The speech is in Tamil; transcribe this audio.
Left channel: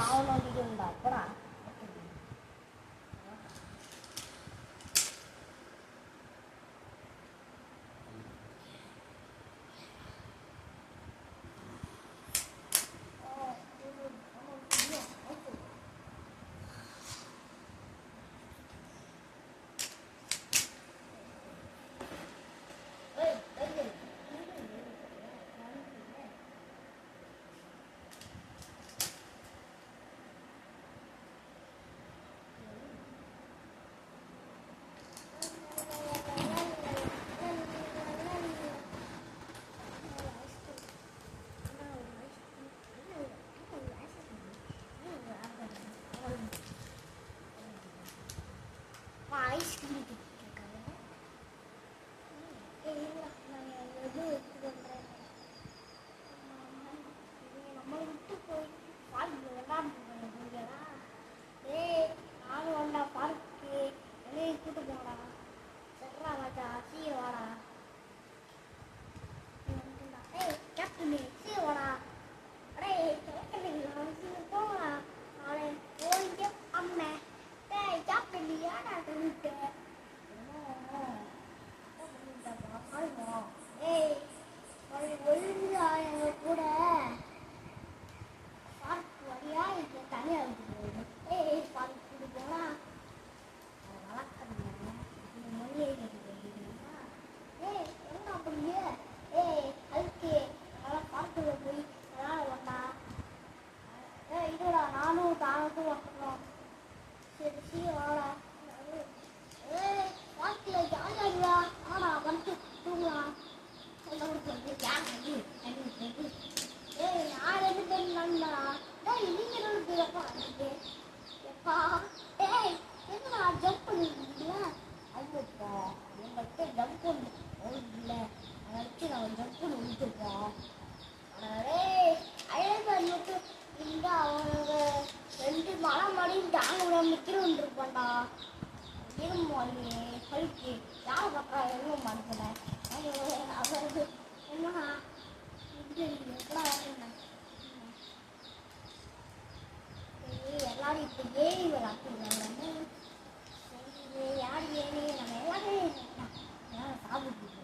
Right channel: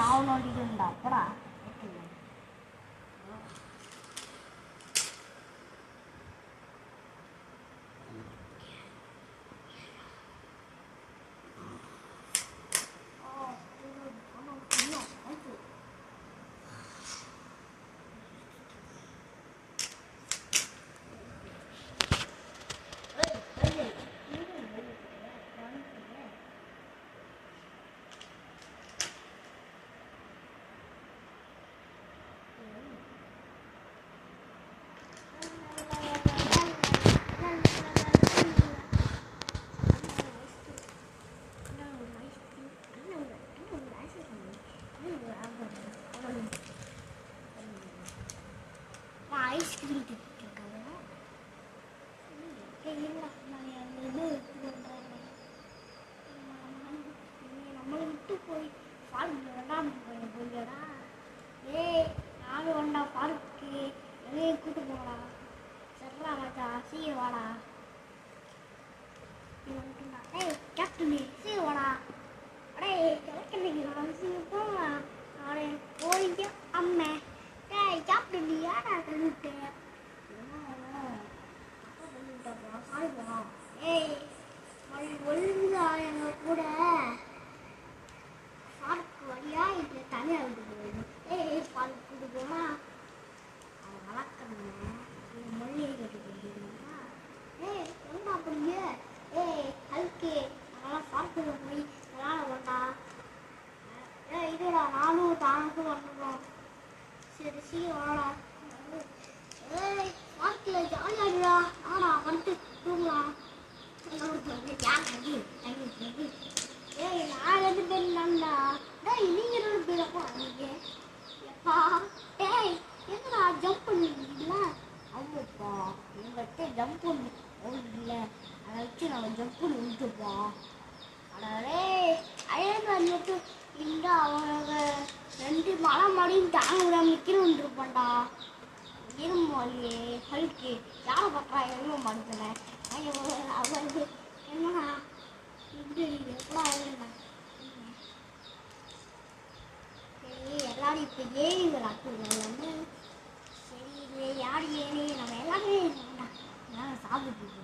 நான் நோண்டிட்டு போடா. ஐஸ்கிரீம் நம்மளை விட்டு போய் பார்க்கு விளாண்டு போய்டா. ஏய் நானும் வந்தா பார்க்கு வெளியே கூட்டு போடா. சர்றா மச்சா சீர் வாடா. ஏய் கேப்டன் சீர் வாடா. அடே கிழக்கா சீர் போடா. அவனே போயிட்டு அம்மே டேய் கேப்டன் ஏடா கழுவிட்டு ஏய் ஒழுங்கா எங்க கூட பார்க்கு வழியா இல்லை தனியாக விட்டு போயிடும். ஏய் பார்க்கு கூட்டு போனா அதை வளர்க்கணுங்க மொழியை கட்டி போயிட்டீங்கன்னா ஏய் என்ன பண்ணு. ஏய் ஹல்கே அதெல்லாம் பார்க்குல போய் விளாட மாட்டா. ஏய் இதுடா நானும் தானுக்கும் வரணும். சரி சீக்கிரம் வாடா. ஏய் பார்க்கில் ஜாலியாடுடா. ஆடா வந்துட்டு தூங்கலாம். ஏய் நான் 2 பேர் நண்டா. டேய் நீங்க 2 பேரப்பா நீங்க எப்பா. ஏய் என்னடா ஜம்ப் பண்ணிருக்கீங்களா? ஆமாப்பா எங்கள்கிட்ட ஜம்ப் பண்ணி இல்லை அதை வச்சு நாங்கள் ஜம்ப் பண்ணி விட்டுப்போம். அடே அழகாட்டு இல்லை அவனுங்க 2 மலை மடியும் தாங்க விடாம நிற்கிறோன்னு இருப்பான்டா. இருமாலே ஹல்கி யாரை பார்க்கா எவ்வளோ மாட்டேன் அவருக்கு என்ன இப்படி எப்படா ஆகுதுண்ணா. சரி எல்லாரும் இப்போ ஏறி விளாட்டுருக்காங்கன்னு. சரி யார் ஏறி நம்ம எல்லாருமே சாப்பிட்டு